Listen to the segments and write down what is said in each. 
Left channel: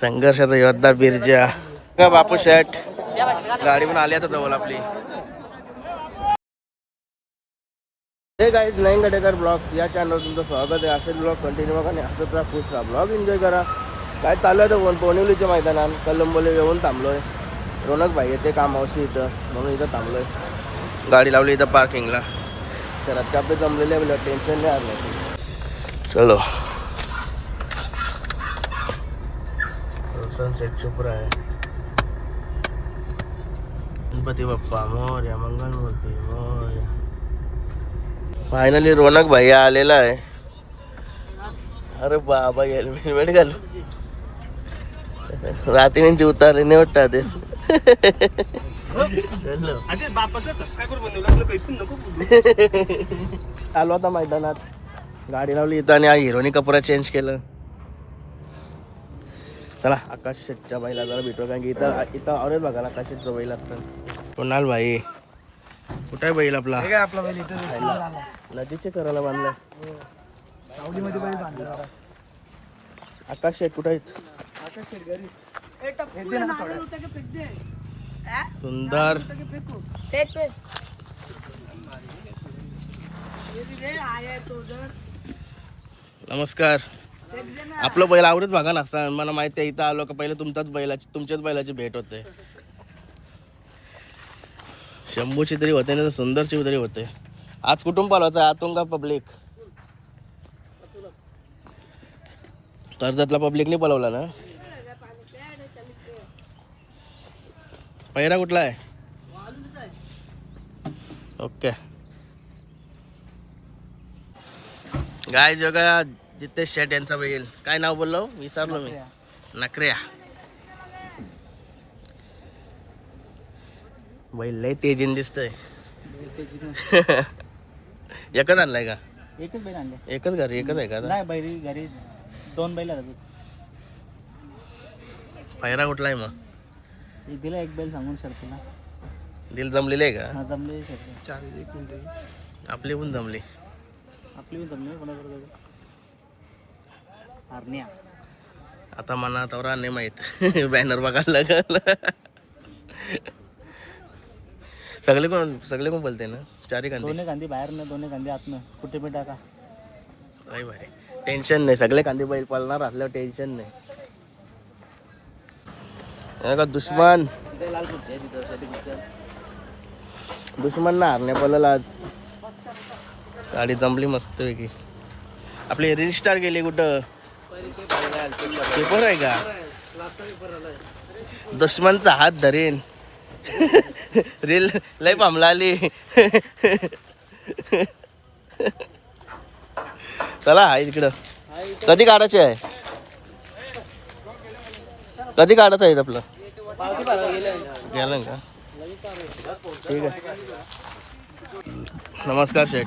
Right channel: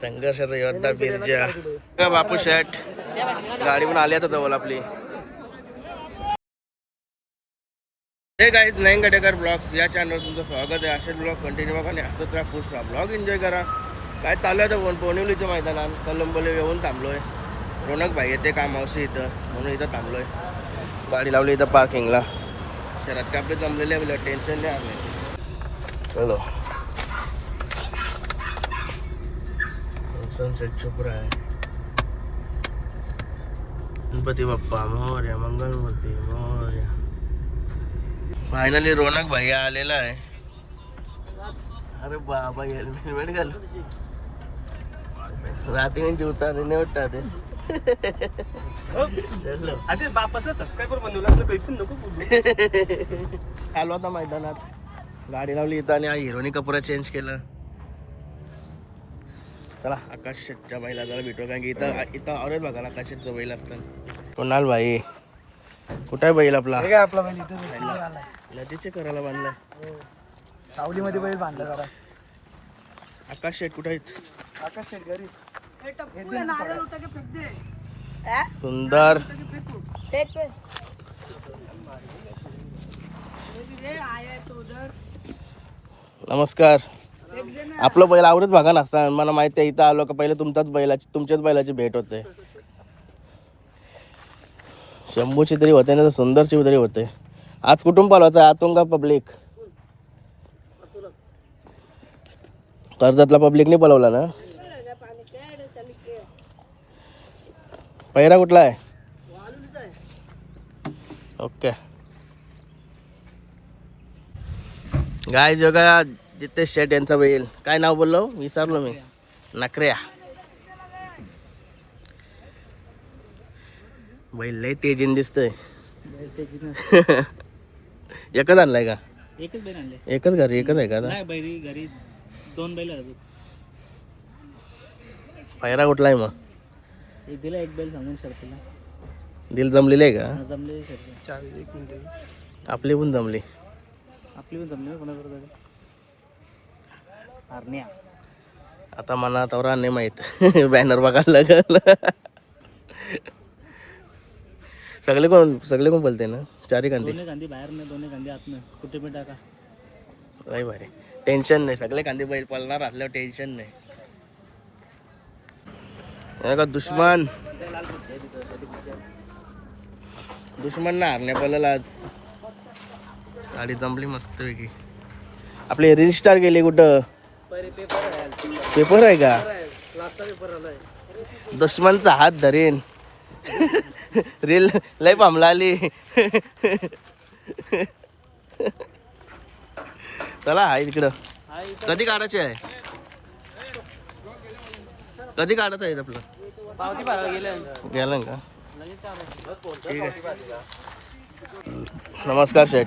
संघर्षाचा योद्धा बिरजा का बापू शेट गाडी पण आली आता जवळ आपली. हे गाईज नईन गडेकर ब्लॉग्स या चॅनलवर तुमचं स्वागत आहे. असे ब्लॉग कंटिन्यू बघा आणि हसत राहा, खुश राहा, ब्लॉग एन्जॉय करा. काय चालू आहे तर पोनिवलीच्या मैदानात कलंबोले येऊन थांबलोय. रोनक भाई येते कामावशी इथं म्हणून इथं थांबलोय. गाडी लावली इथं पार्किंगला. शहरात कापडे जमलेले आहे, टेन्शन नाही आलं. चलो सनसेट चुप रहा है. गणपती बाप्पा मोरया, मंगलमूर्ती मोरया. फायनली रोनक भाई आलेला आहे. अरे बाबा हेल्मेट घाल. रात्रीची उतारे नाही वाटत ते. आलो आता मैदानात, गाडी लावली इथं आणि हिरोनी कपडा चेंज केलं. चला आकाश शेटच्या बैला जरा भेटू, कारण की इथं औरत बघायला आकाश शेटचं बैल असतात. कोणाल भाई कुठे आहे बैल आपला? आपला बैल इथं नदीचे करायला बांधलाय, सावलीमध्ये बैल बांधला. आकाश शेट कुठे आहेत? आकाश शेट घरी. सुंदर नमस्कार. आपलं बैल आवडत बघा नसता, मला माहिती आहे. इथं आलो का पहिले तुमच्याच बैलाची भेट होते. शंभूची तरी होते ना, सुंदरची तरी होते. आज कुठून पालवायचं? आतून का पब्लिक? कर्जतला पब्लिकने पलवला ना. पहिरा कुठला आहे? ओके गाय जोगा जितेश शेट यांचा बैल. काय नाव बोललो विसरलो मी. नखऱ्या बैल लय तेजीन दिसतंय. एकच आणलाय का? एकच बैल आणले. एकच घरी एकच आहे का? नाही बैल घरी दोन बैल आहेत. पहिरा कुठला आहे मग? एक दिला, एक बैल सांगून शर्तीला. दिल जमलेली आहे का? जमले शर्ती. 1 मिनिट. आपली पण जमली. आपली पण जमली. कोणाकडे हरण्या आता मना तवरा नाही माहित. बॅनर बघायला लागेल. सगळे कोण बोलते ना? चारी कांदी. दोन्ही कांदी बाहेर ना, दोन्ही कांदी आतनं. कुठे पण टाका. नाही भारी, टेन्शन नाही. सगळे कांदी बैल पळणार असल्यावर टेन्शन नाही. का दुश्मन ना हरण्या पळला आज. गाडी जमली मस्त पैकी. आपले रील स्टार गेले कुठं? पेपर आहे का? दुश्मनचा हात धरेन. रील लय पामला आली. चला आहे तिकडं. कधी काढायचे आहे? कधी काढायचं आहे आपलं? गेलं का? ठीक आहे. नमस्कार शेठ.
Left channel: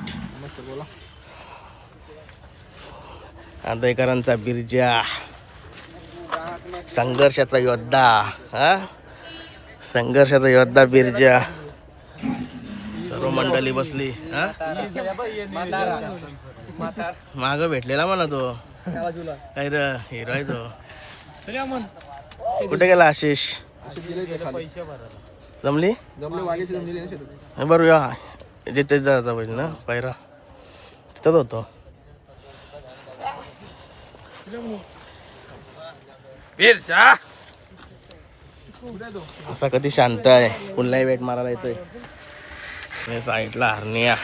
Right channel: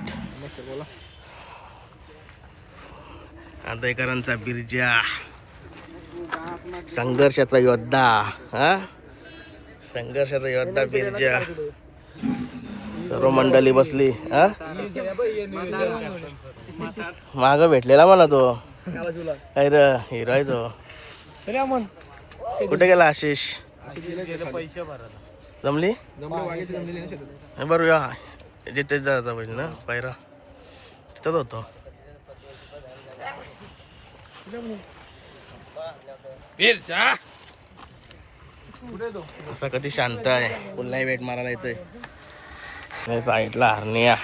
आंदेकरांचा बिरजा, संघर्षाचा योद्धा. हा संघर्षाचा योद्धा बिरजा. सर्व मंडळी बसली. हा माग भेटलेला मला तो. अरे हिरो आहे तो. कुठे गेला आशिष? जमली बरं या जिथे जायचा पाहिजे ना. पहिरा तिथंच होतो. असा कधी शांत आहे. पुन्हा वेट मारायला येतोय. साईडला हरण्या.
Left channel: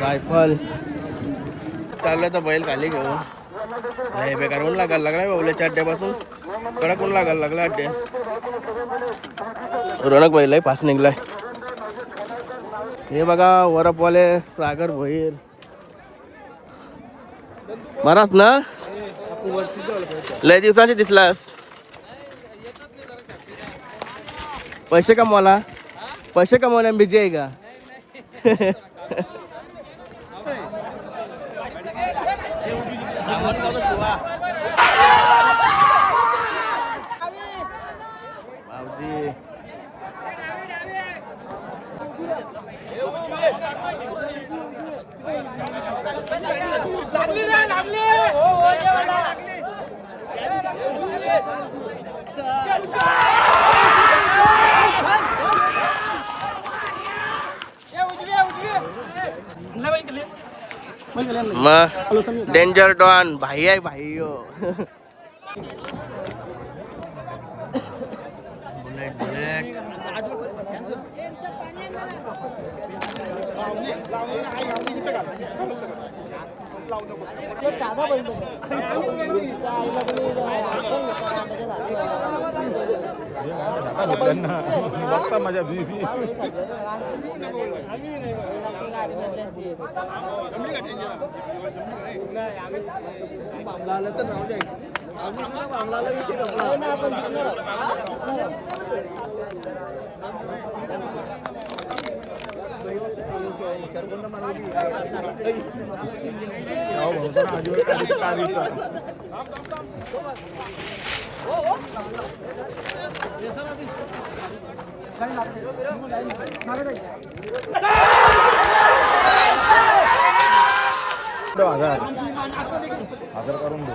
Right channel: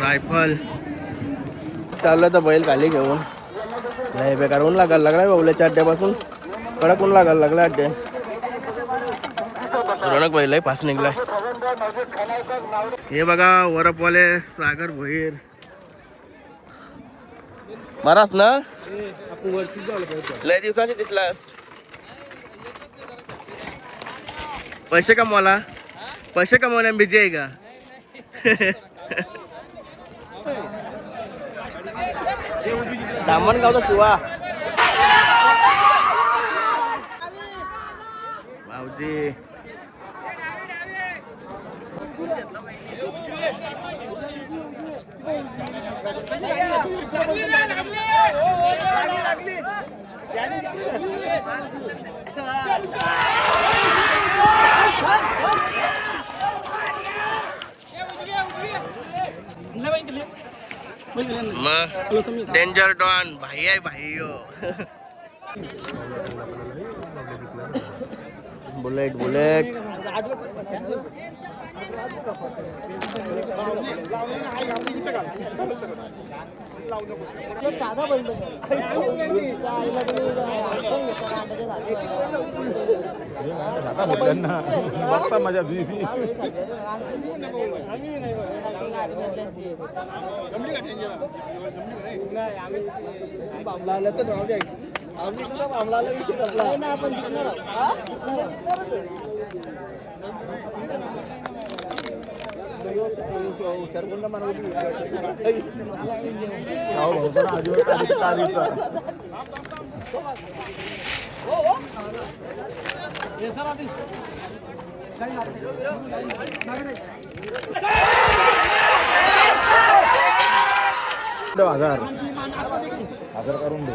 रायफल चाललं तर बैल खाली घेऊन. नाही बेकार ऊन लागायला लागलाय. बाबूल्याच्या अड्ड्यापासून कडक ऊन लागायला लागला. अड्ड्या रोनक बैल आहे. पास निघलाय. हे बघा वरपवाले सागर भोईर. बराच ना, लय दिवसांची दिसलास. पैसे कमवाला, पैसे कमवल्या बिजी आहे का? भाऊजी मग डेंजर डॉन भाई आहे भाई हो. बुलेट बुलेट साधा बैल माझ्या बीबी हजार करून दे.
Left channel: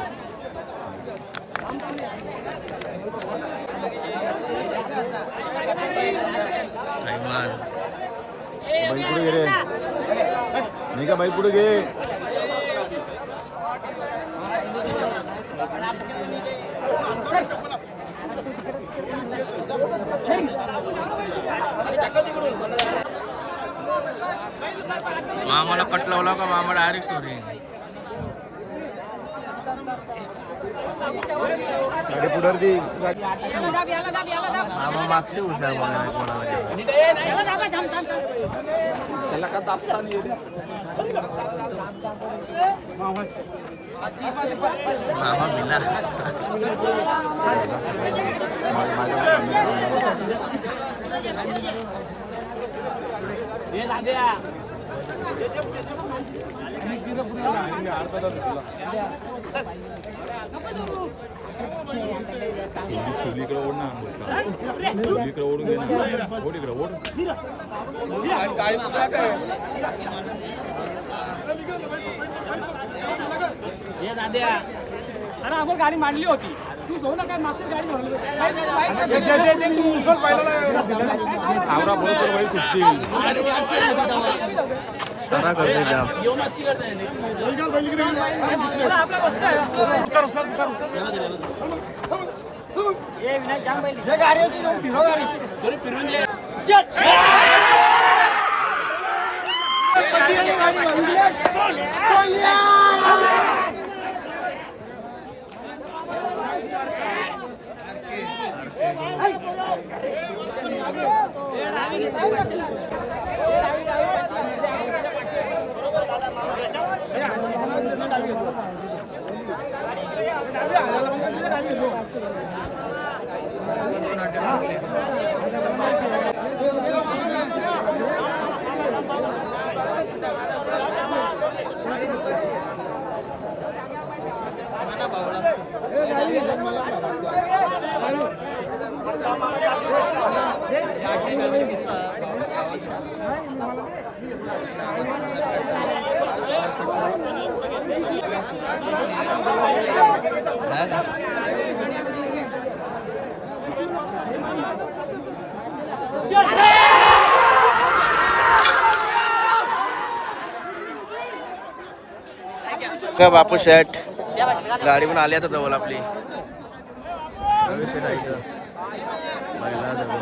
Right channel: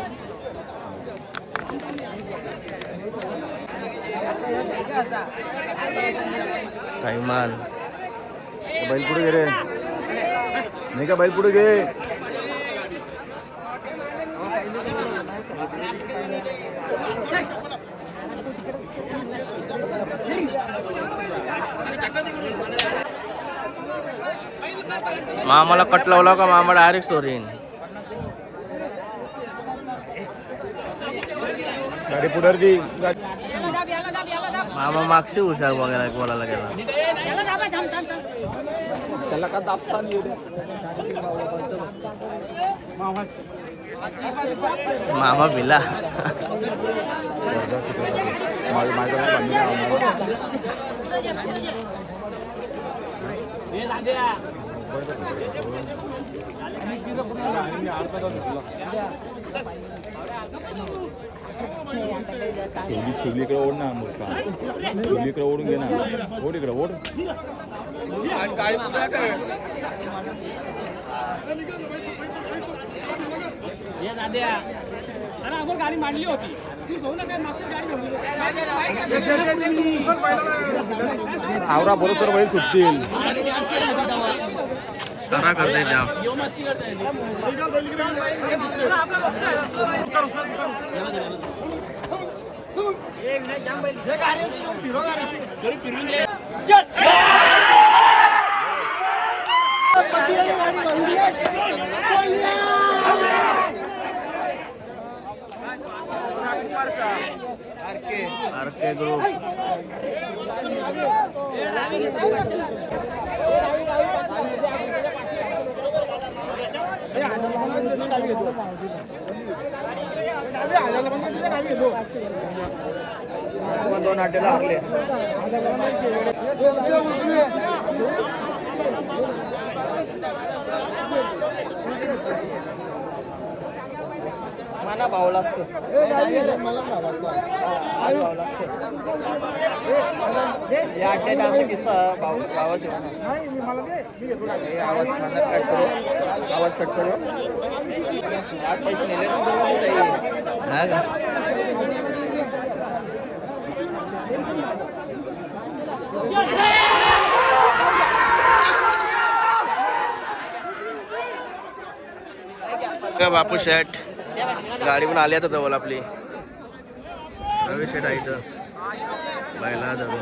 बैल पुढे गे रे. नाही का बैल पुढे गे. मामाला कट लावला का मामा डायरेक्ट सोरीन. गाडी पुढे दे. मामा मागशी हुशार बघायला बोलायला गेला. मामा भिला. छोलीकडे ओढ ना. छोलीकडे ओढून घे ना. ओढ इकडे ओढ. अरे आपण गाडी मांडली होती. तू जाऊ नका मागची गाडी आवरा बोल तर बैल सुटतील. तारा करते त्या. बापू शेठ गाडी पण आली आता जवळ आपली. रवी शेठ आहे इथं. बैला जवळ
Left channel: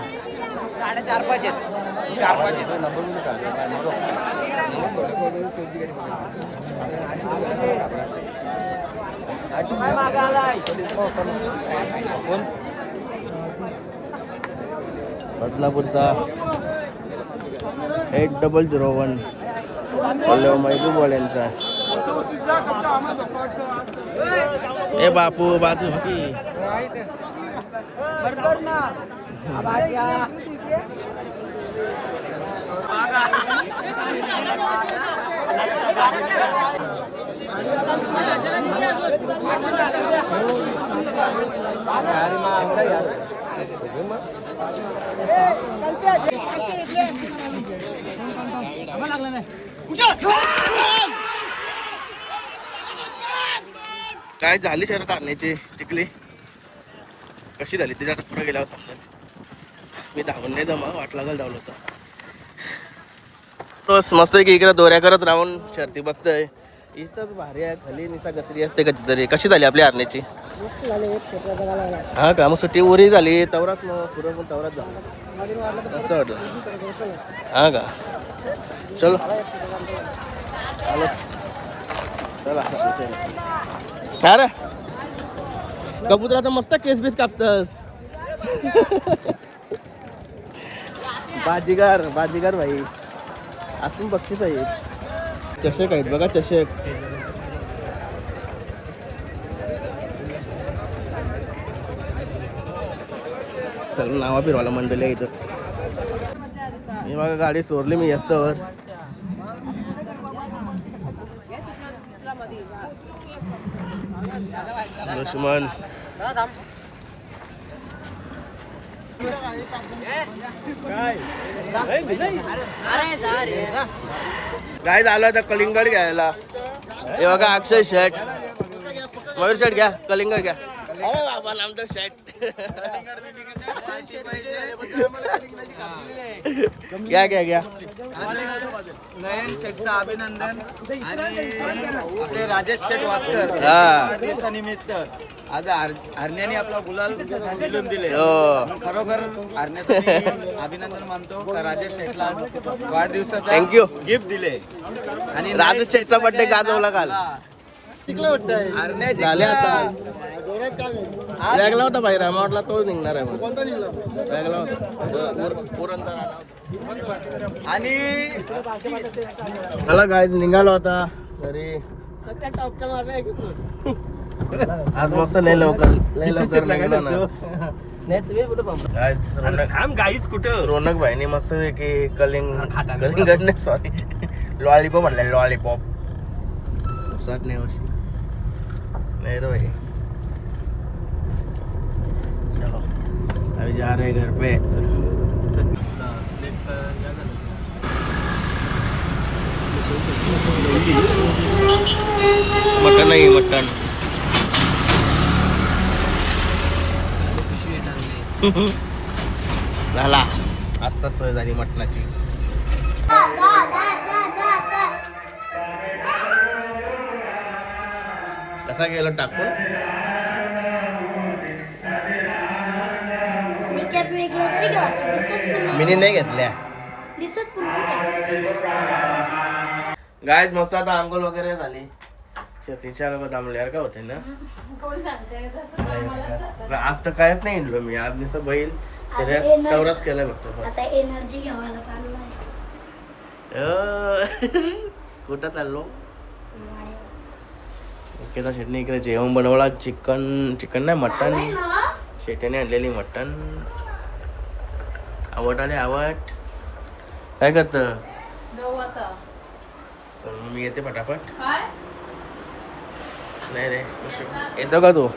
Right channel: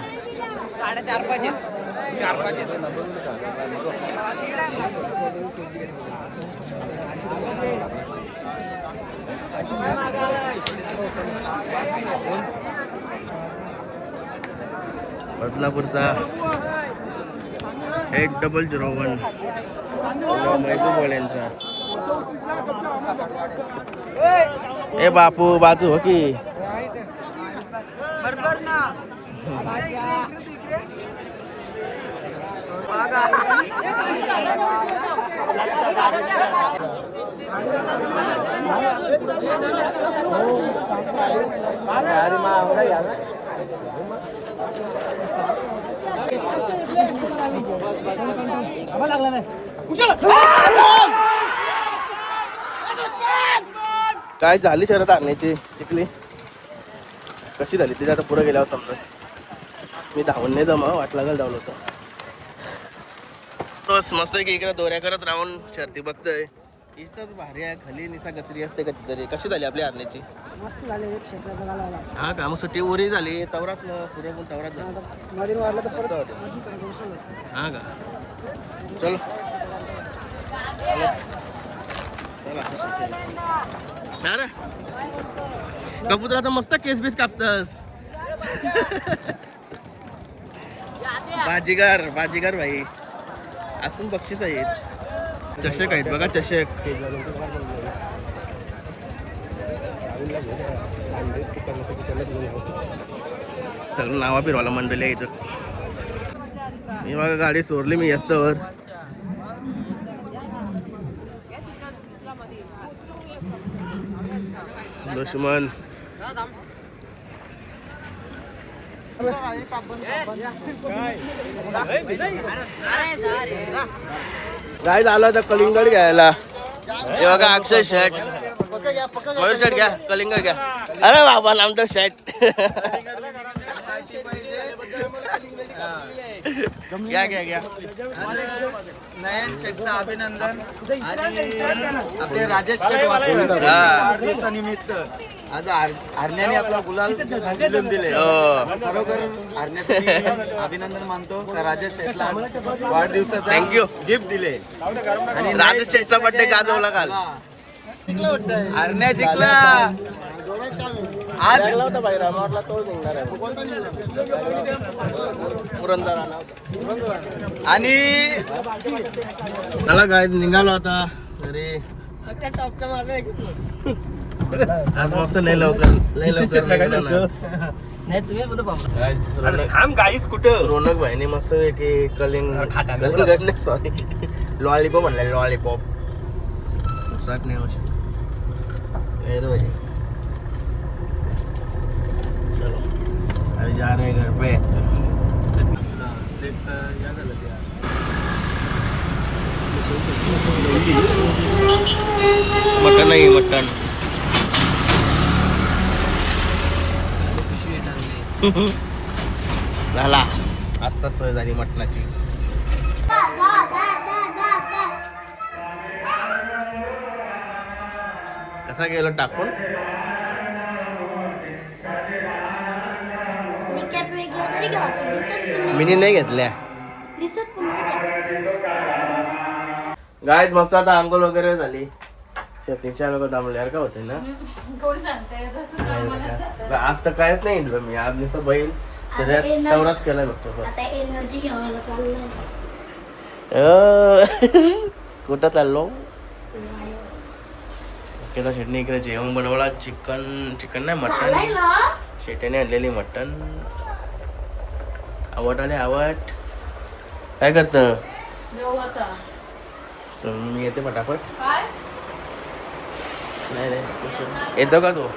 बदलापूरचा 8001 महबूब वाल्यांचा. ए बापू बाजू हो की. बरोबर ना. लागला नाही. काय झाली शरद आणण्याची चिखली कशी झाली तिथे आता पुढे गेल्यावर समजा. मी धावून नाही जमा वाट लागल धावलं होतं. तोच मस्त की इकडे दोऱ्या करत राहून शर्ती बघतोय. इथंच भारी आहे खाली निसा गचरी असते कधी तरी. कशी झाली आपली हरण्याची? मस्त झाले एक क्षेत्राचा गाला हा का मग सुट्टी उरी झाली तवराच मग पुढे पण तवराच झाला मस्त वाटलं. हा का चलो अरे कबूतर आता मस्त केस बीस कापतस. बाजीगर बाजीगर भाई असून बक्षीस आहेत. चषक आहेत बघा चषक. चल नावा फिरवायला मंडळी आहे इथं. मी बघा गाडी सोडली मी यस्तवर. दुश्मन काय झालं आता कलिंगड घ्यायला. हे बघा अक्षय शर्ट मयूर शर्ट घ्या कलिंगड घ्या. अरे बाबा नामतो शर्ट घ्या घ्या घ्या. नयन शेठचं अभिनंदन आणि आपले राजेश शेठ वासकर हा. वाढदिवसानिमित्त आज हरण्याने आपला गुलाल मिळवून दिले. खरोखर हरण्यासाठी अभिनंदन मानतो का राजेश शेठला वाढदिवसाचा थँक्यू गिफ्ट दिले. आणि राजेश शेठचा बर्थडे गाजवला काल. हरण्या जिंकला. आज होता बाहेर म्हटलं तो जिंकणार आहे. पुरंदर आला होता. आणि चला गाईज निघाला होता घरी. आज मस्त नाही लवकर निघालो ना. Guys, रोनक भाईनी मस्त की कलिंगड नाही सॉरी लॉलीपॉप म्हणलं लॉलीपॉप. उसट नाही होश नहीं रे भाई. चलो अभी जा रहे घर पे. मटन नाही मटन. झाला आजचा सोय झाली मटणाची. कसा गेलो टाकून. मिनी नाही घेतल्या. गायज मस्त आता आंघोळ वगैरे झाली. शेतीच्या लोक दामल्यावर का होते ना. आज तर कायच नाही हिंडलो मी. आज नुसतं बैल शरीरात तेवढाच केला बघतो बस. एनर्जी घ्यायला चाललाय. कुठं चाललो. केला शेटने इकडे जेवण बनवला. चिकन नाही मटन. शेट्याने आणलेली मटन. आवट आले आवट. काय करत मी येते पटापट. नाही रे येतो का तू.